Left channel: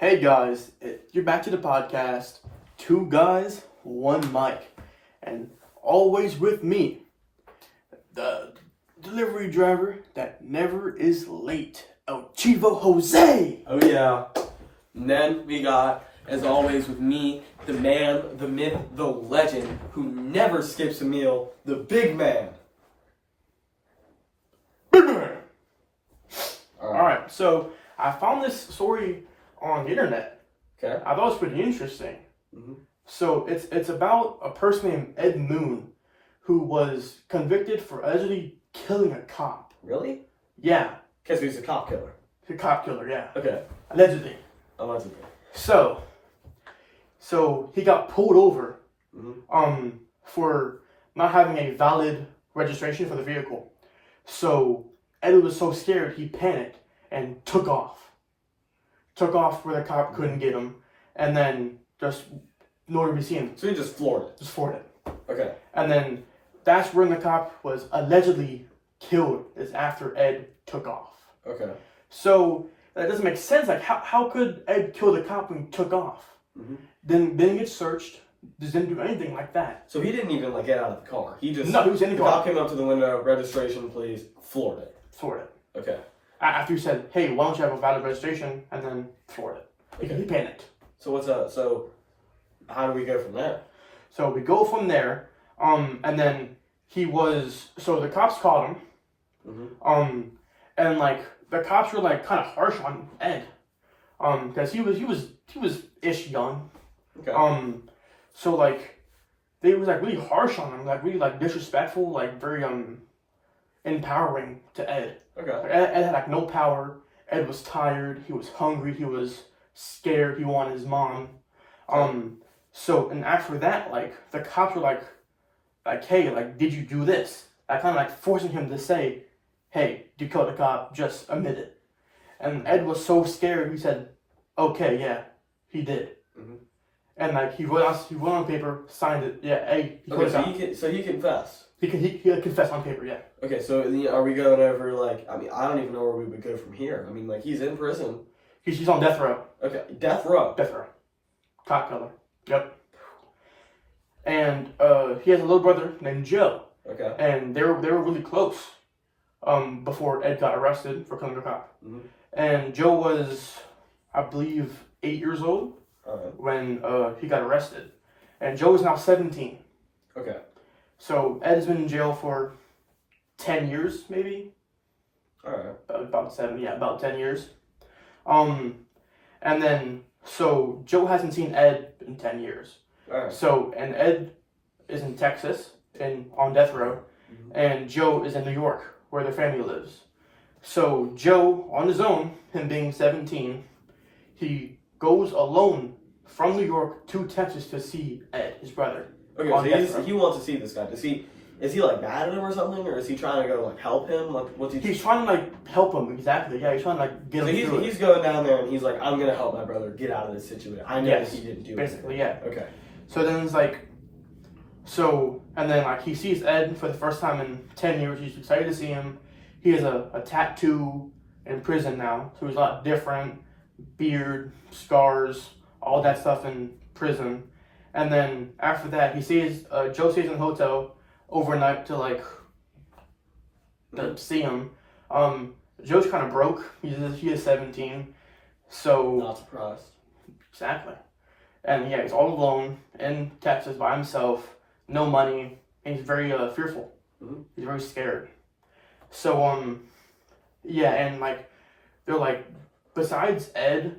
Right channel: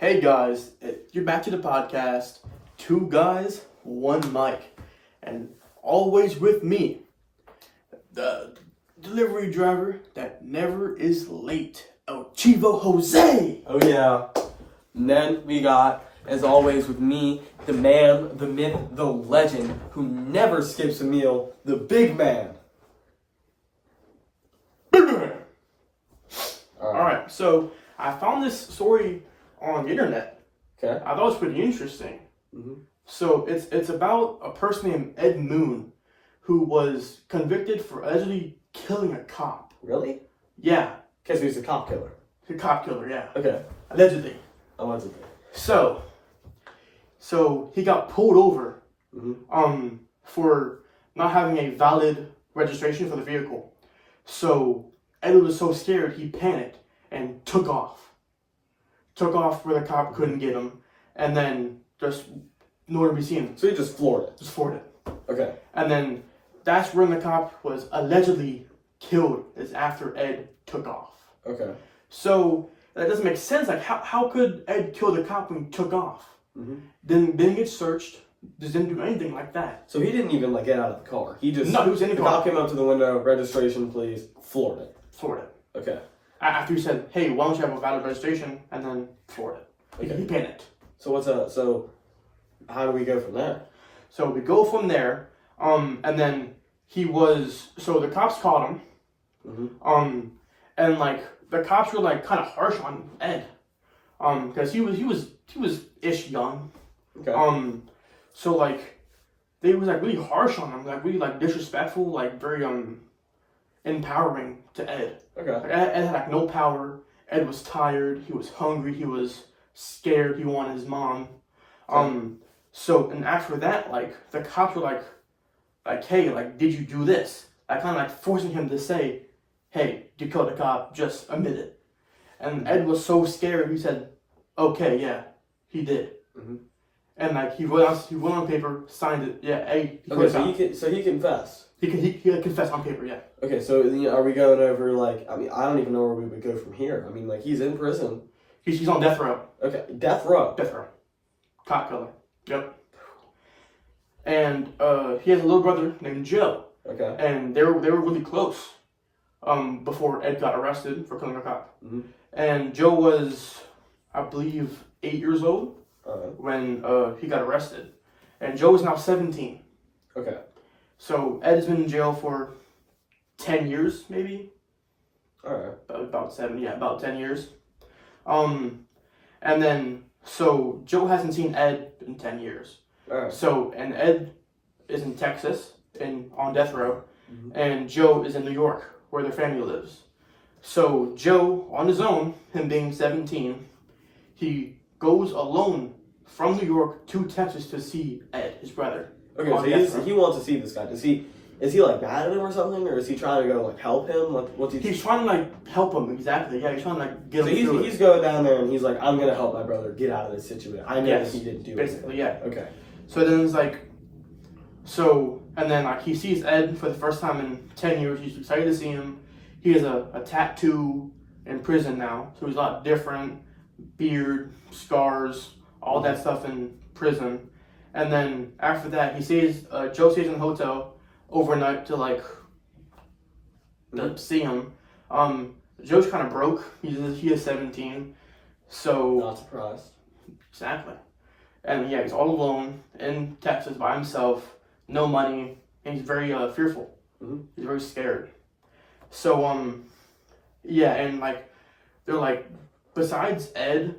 Hey guys, you're back to the podcast. Two guys, one mic. And always with me, the delivery driver that never is late, El Chivo Jose. Oh yeah. And then we got, as always with me, the man, the myth, the legend, who never skips a meal, the big man. Alright, so I found this story on the internet. Okay. I thought it was pretty interesting. Mm-hmm. So it's about a person named Ed Moon who was convicted for allegedly killing a cop. Really? Yeah. Because he's a cop killer. A cop killer, yeah. Okay. Allegedly. Allegedly. So he got pulled over Mm-hmm. for not having a valid registration for the vehicle. So Ed was so scared he panicked and took off. Took off where the cop couldn't get him, and then just nowhere to be seen. So he just floored it. Just floored it. Okay. And then that's when the cop was allegedly killed, is after Ed took off. Okay. So that doesn't make sense. Like how could Ed kill the cop when he took off? Mm-hmm. Then get searched. Just didn't do anything like that. So he didn't even get out of the car. He just No, he was in the car. cop came up to the window, registration please, floored it. Floored it. Okay. After he said, "Hey, why don't you have a valid registration?" and then floored it. Okay. He panicked. So so how do we go from there? So we go from there. And then so the cops caught him. Mm-hmm. And the cops were kind of harsh on Ed. Because he was ish young. Okay. So they was really harsh on him, really disrespectful, very empowering to Ed. Okay. Ed had no power. Ed was tired. He was hungry. He was scared. He wanted his mom. So and after that, the cops were hey, did you do this? Kind of forcing him to say, hey, you killed the cop. Just admit it. And Ed was so scared. He said, okay, yeah, he did. Mm-hmm. And he wrote on paper, signed it. Yeah, hey. He confessed. He confessed on paper. Yeah. Okay, so are we going over I don't even know where we would go from here. I mean, he's in prison. He's on death row. Okay, death row. Death row. Cop killer. Yep. And he has a little brother named Joe. Okay. And they were really close. Before Ed got arrested for killing a cop. Mm-hmm. And Joe was, I believe, 8 years old when he got arrested. And Joe is now 17. Okay. So Ed has been in jail for 10 years, maybe. All right. About 10 years. And then, so Joe hasn't seen Ed in 10 years. All right. So, and Ed is in Texas, on death row, and Joe is in New York, where their family lives. So Joe, on his own, him being 17, he goes alone from New York to Texas to see Ed, his brother. Okay, so he wants to see this guy. Is he mad at him or something, or is he trying to go help him? What's he? He's trying to help him, exactly. Yeah, he's trying to get him through it. He's going down there and he's I'm gonna help my brother get out of this situation. I know that he didn't do it. Basically, yeah. Okay. So then it's and then he sees Ed for the first time in 10 years. He's excited to see him. He has a tattoo in prison now, so he's a lot different. Beard, scars, all that stuff in prison. And then after that, Joe stays in a hotel overnight to to see him. Joe's kind of broke. He is 17, so not surprised. Exactly. And yeah, he's all alone in Texas by himself, no money, and he's very fearful. Mm-hmm. He's very scared. So yeah, and they're besides Ed,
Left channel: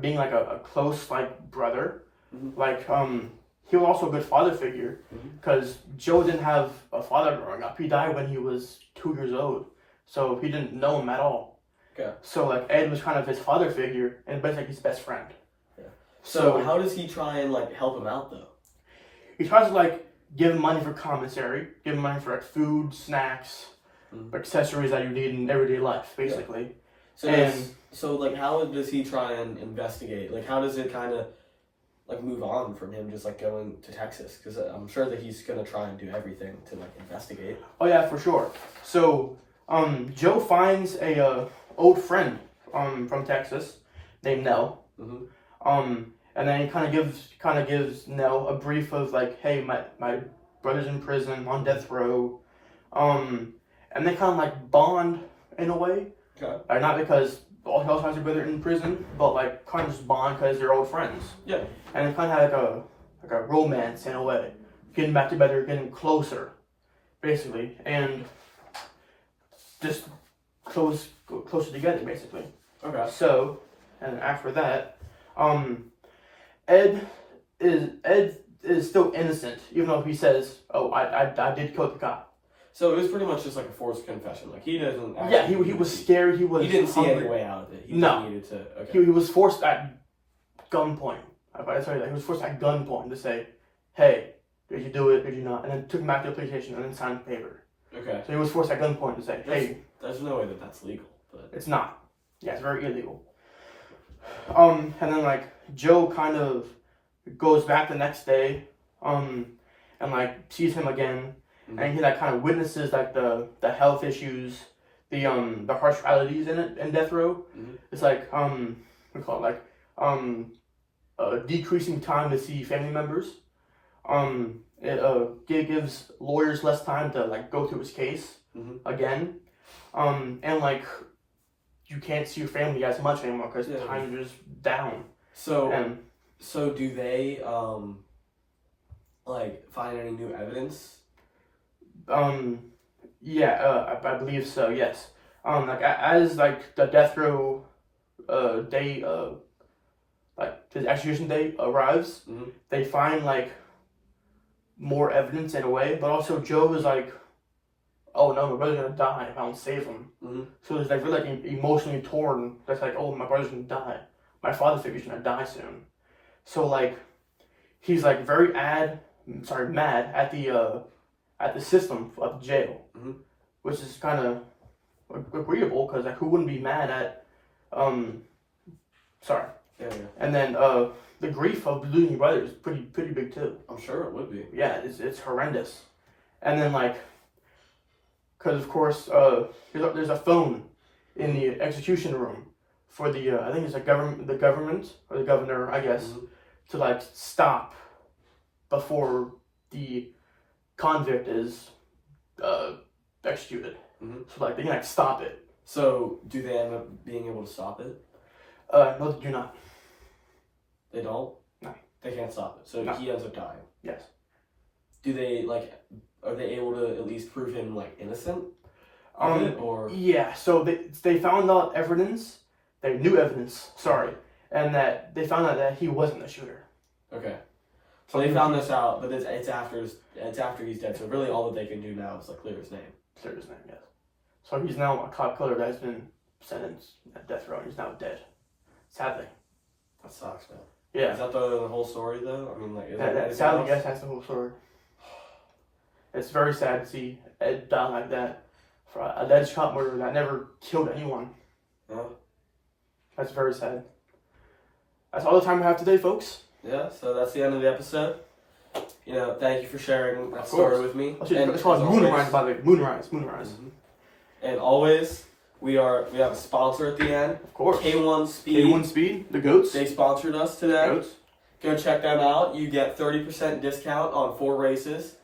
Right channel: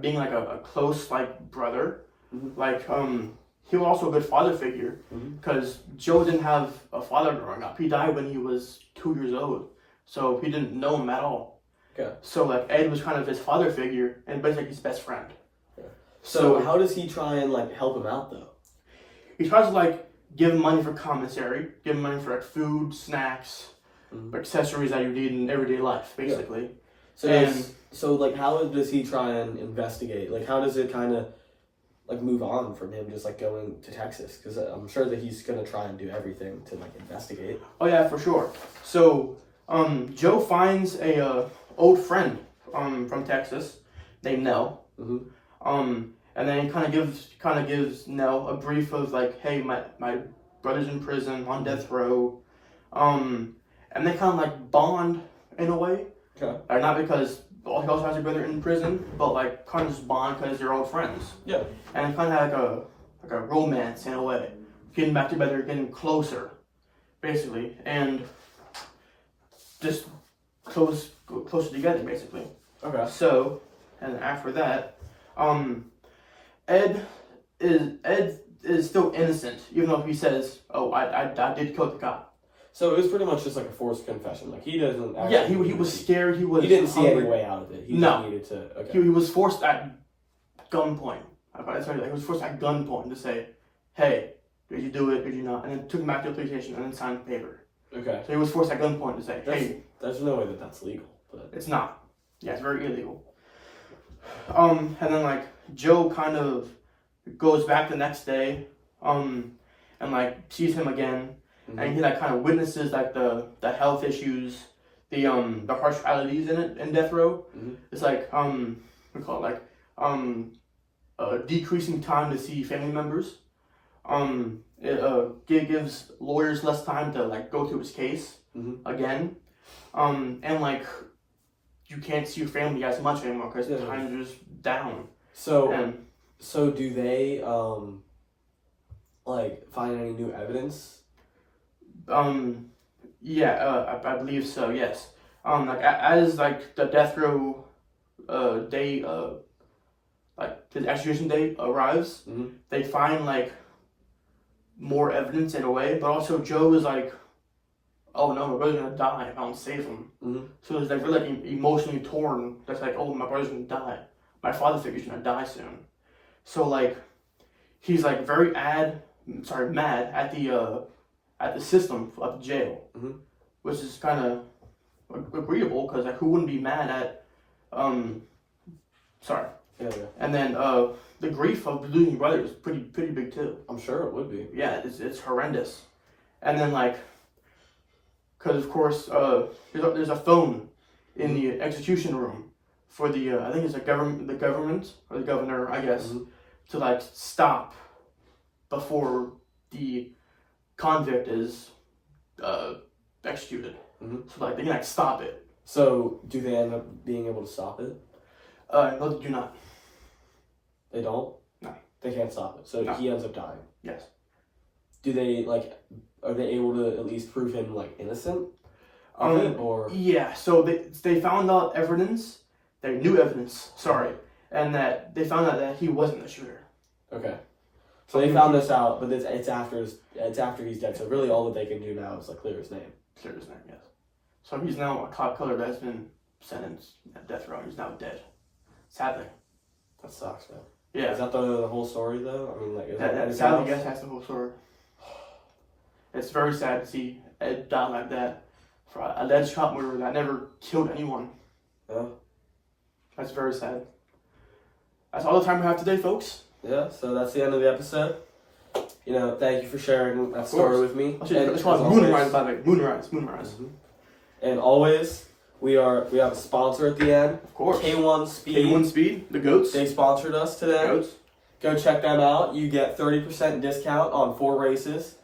being a close brother, he was also a good father figure because Joe didn't have a father growing up. He died when he was 2 years old, so he didn't know him at all. Okay. So Ed was kind of his father figure, and basically his best friend. Yeah. So how does he try and help him out though? He tries to give him money for commissary, give him money for food, snacks, accessories that you need in everyday life, basically. Yeah. So how does he try and investigate? How does it kind of move on from him just going to Texas? Because I'm sure that he's gonna try and do everything to investigate. Oh yeah, for sure. So Joe finds a old friend from Texas named Nell. Mhm. And then he kind of gives Nell a brief of like, hey, my brother's in prison on death row, and they kind of like bond in a way. Okay. Like, not because he also has a brother in prison, but like kind of just bond because they're old friends. Yeah. And it kind of like a romance in a way, getting back together, getting closer, basically, and just closer together, basically. Okay. So, and after that, Ed is still innocent, even though he says, "Oh, I did kill the cop." So it was pretty much just like a forced confession. Like he doesn't. Yeah, he was scared. He didn't see hungry. any way out of it. He No. just needed to. Okay. He was forced at gunpoint. He was forced at gunpoint to say, "Hey, did you do it? Did you not?" And then took him back to the police station and then signed the paper. Okay. So he was forced at gunpoint to say, "Hey, There's no way that that's legal, but it's not. Yeah, it's very illegal." And then like Joe kind of goes back the next day, and like sees him again, and he like kind of witnesses like the health issues, the harsh realities in death row. Mhm. It's like we call it like decreasing time to see family members. It gives lawyers less time to like go through his case again, and like you can't see your family as much anymore because time is just down. So do they like find any new evidence? Yeah, I believe so. Yes. Like as like the death row day, like the execution day arrives, they find like more evidence in a way, but also Joe is like, oh no, my brother's gonna die if I don't save him. So it's like really like emotionally torn. That's like, oh, my brother's gonna die. My father figure's gonna die soon. So like, he's like very mad at the system, at the jail, which is kind of agreeable because like who wouldn't be mad at sorry. Yeah. And then the grief of losing your brother is pretty big too. I'm sure it would be. Yeah, it's horrendous. And then like, because of course there's a phone in the execution room for the I think it's the government or the governor, I guess, to like stop before the convict is executed. So like they can like stop it. So do they end up being able to stop it? No, they do not. They don't? No. They can't stop it. So No. he ends up dying. Yes. Do they are they able to at least prove him like innocent of it, or yeah, so they found out new evidence, and that they found out that he wasn't the shooter. Okay. So they found this out, but it's after he's dead. So really, all that they can do now is like clear his name. Clear his name, yes. So he's now a cop killer that has been sentenced at death row. He's now dead. Sadly. That sucks, man. Yeah. Is that the whole story though? I mean, like, is that sadly, yes, that's the whole story. It's very sad to see Ed die like that for an alleged cop murder that never killed anyone. Yeah. That's very sad. That's all the time we have today, folks. Yeah, so that's the end of the episode. You know, thank you for sharing that story with me. It's called Moonrise, by the way. Moonrise. And always, we have a sponsor at the end. Of course. K1 Speed. K1 Speed, the goats. They sponsored us today. Goats. Go check them out. You get 30% discount on 4 races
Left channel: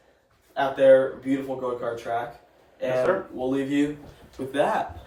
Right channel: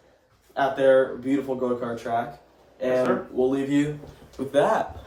at their beautiful go-kart track. And Yes, sir. we'll leave you with that.